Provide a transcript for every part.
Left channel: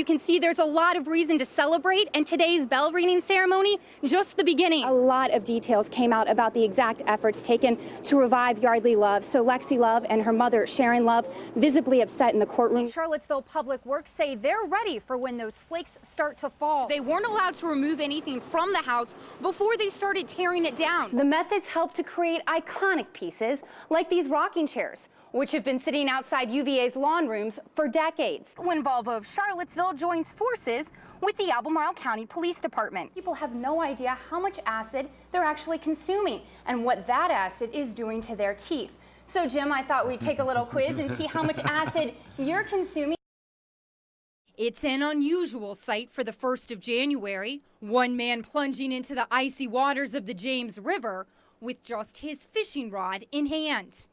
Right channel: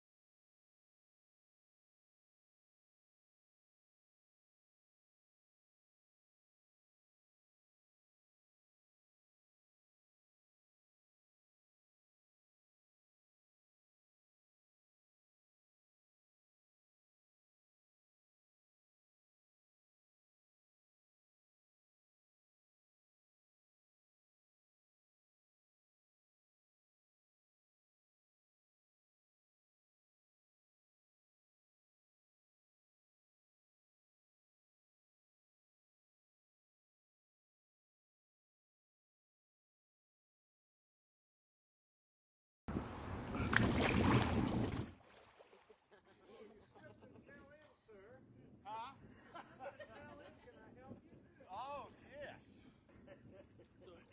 You can see there's a lot of reason to celebrate, and today's bell ringing ceremony, just the beginning. A lot of details came out about the exact efforts taken to revive Yardley Love. So Lexi Love and her mother, Sharon Love, visibly upset in the courtroom. Charlottesville Public Works say they're ready for when those flakes start to fall. They weren't allowed to remove anything from the house before they started tearing it down. The methods help to create iconic pieces like these rocking chairs, which have been sitting outside UVA's lawn rooms for decades. When Volvo of Charlottesville joins forces with the Albemarle County Police Department. People have no idea how much acid they're actually consuming and what that acid is doing to their teeth. So Jim, I thought we'd take a little quiz and see how much acid you're consuming. It's an unusual sight for the 1st of January. One man plunging into the icy waters of the James River with just his fishing rod in hand.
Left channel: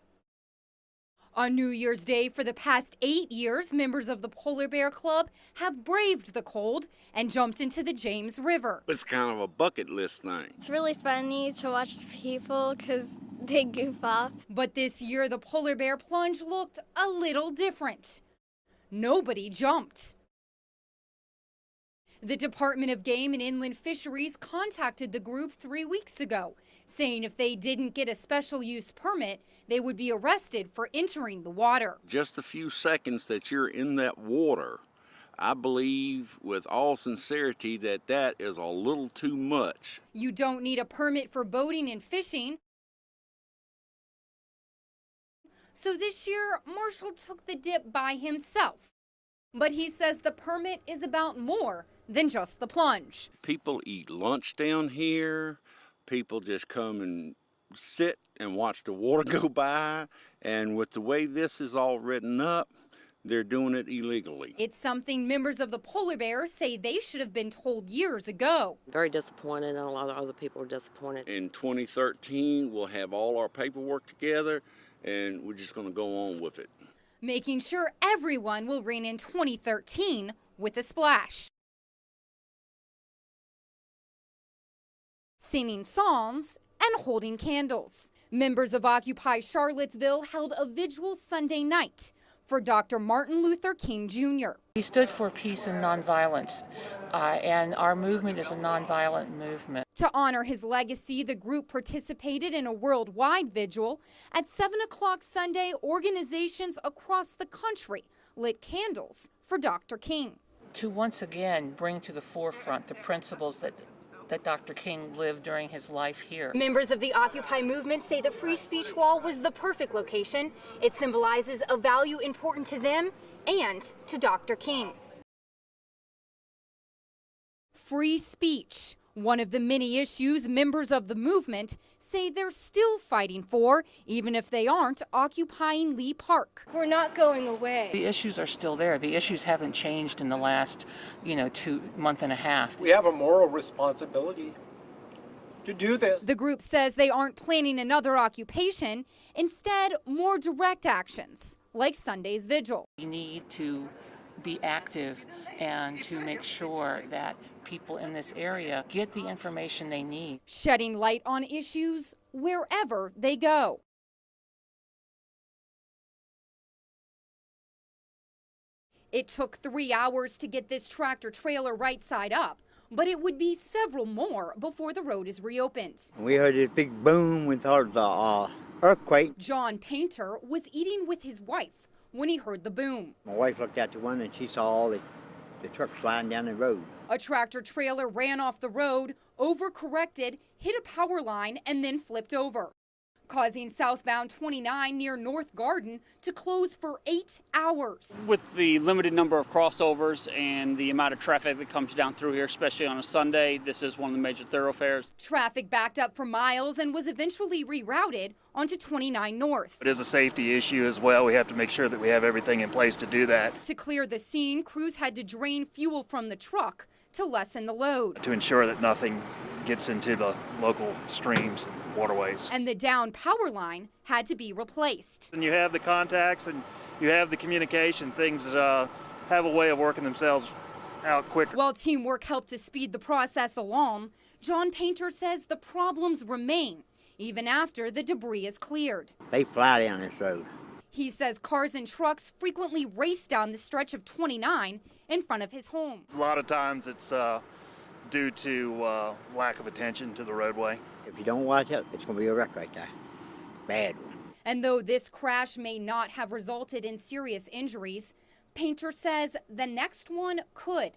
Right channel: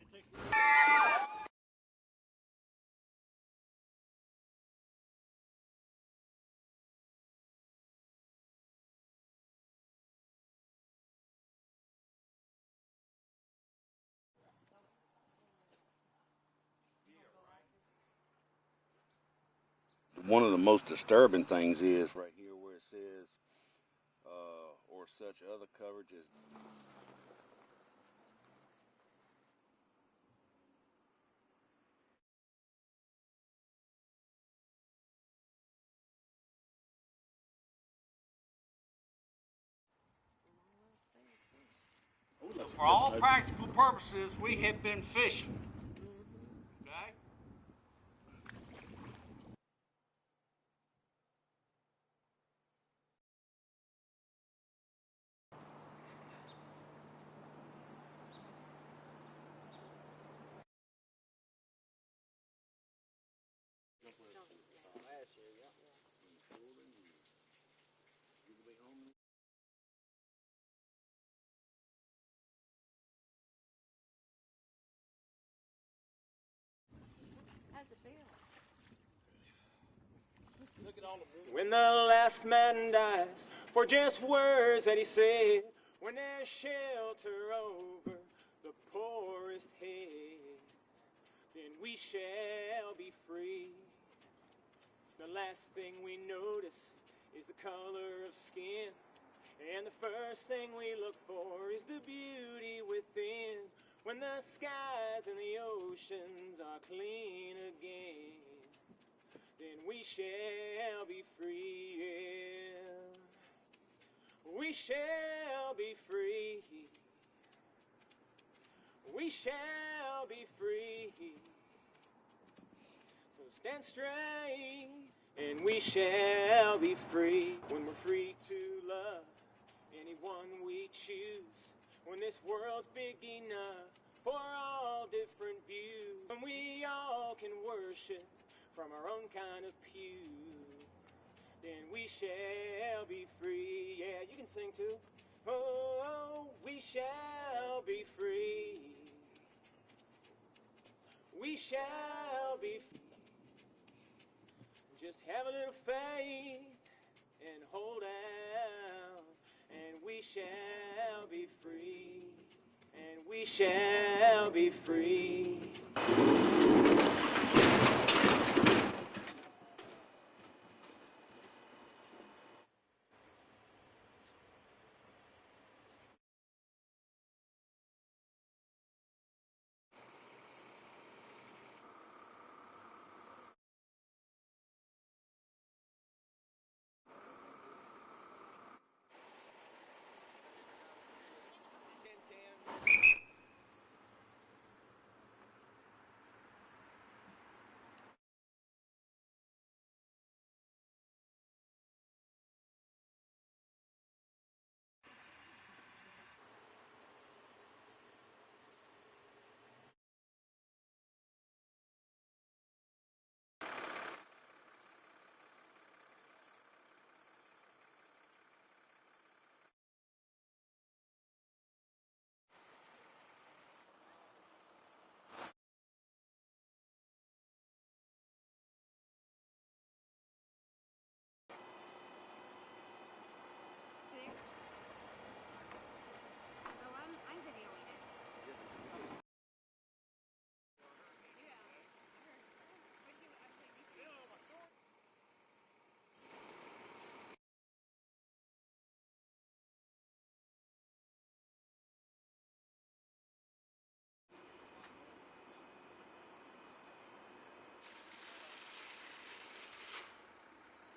On New Year's Day for the past 8 years, members of the Polar Bear Club have braved the cold and jumped into the James River. It's kind of a bucket list thing. It's really funny to watch people because they goof off. But this year, the Polar Bear plunge looked a little different. Nobody jumped. One of the most disturbing things is the Department of Game and Inland Fisheries contacted the group 3 weeks ago, saying if they didn't get a special use permit, they would be arrested for entering the water. Just a few seconds that you're in that water, I believe with all sincerity that that is a little too much. You don't need a permit for boating and fishing. For all practical purposes, we have been fishing. So this year, Marshall took the dip by himself. But he says the permit is about more than just the plunge. People eat lunch down here. People just come and sit and watch the water go by. And with the way this is all written up, they're doing it illegally. It's something members of the Polar Bears say they should have been told years ago. Very disappointed, and a lot of other people are disappointed. In 2013, we'll have all our paperwork together, and we're just going to go on with it. Making sure everyone will reign in 2013 with a splash. When the last man dies, for just words that he said. Singing songs and holding candles. Members of Occupy Charlottesville held a vigil Sunday night for Dr. Martin Luther King Jr. He stood for peace and nonviolence, and our movement is a nonviolent movement. To honor his legacy, the group participated in a worldwide vigil. At 7 o'clock Sunday, organizations across the country lit candles for Dr. King. To once again bring to the forefront the principles that Dr. King lived during his life here. Members of the Occupy movement say the free speech wall was the perfect location. It symbolizes a value important to them and to Dr. King. And we shall be free. Free speech, one of the many issues members of the movement say they're still fighting for, even if they aren't occupying Lee Park. We're not going away. The issues are still there. The issues haven't changed in the last, 2 months and a half. We have a moral responsibility to do this. The group says they aren't planning another occupation, instead more direct actions, like Sunday's vigil. We need to be active and to make sure that people in this area get the information they need. Shedding light on issues wherever they go. Shall be free. It took 3 hours to get this tractor trailer right side up, but it would be several more before the road is reopened. We heard this big boom with the earthquake. John Painter was eating with his wife when he heard the boom. My wife looked out the window and she saw all the trucks sliding down the road. A tractor trailer ran off the road, overcorrected, hit a power line, and then flipped over, causing southbound 29 near North Garden to close for 8 hours. With the limited number of crossovers and the amount of traffic that comes down through here, especially on a Sunday, this is one of the major thoroughfares. Traffic backed up for miles and was eventually rerouted onto 29 North. It is a safety issue as well. We have to make sure that we have everything in place to do that. To clear the scene, crews had to drain fuel from the truck to lessen the load. To ensure that nothing gets into the local streams and waterways. And the down power line had to be replaced. And you have the contacts and you have the communication. Things have a way of working themselves out quicker. While teamwork helped to speed the process along, John Painter says the problems remain even after the debris is cleared. They fly down this road. He says cars and trucks frequently race down the stretch of 29 in front of his home. A lot of times it's due to lack of attention to the roadway. If you don't watch it, it's going to be a wreck right there. Bad one. And though this crash may not have resulted in serious injuries, Painter says the next one could.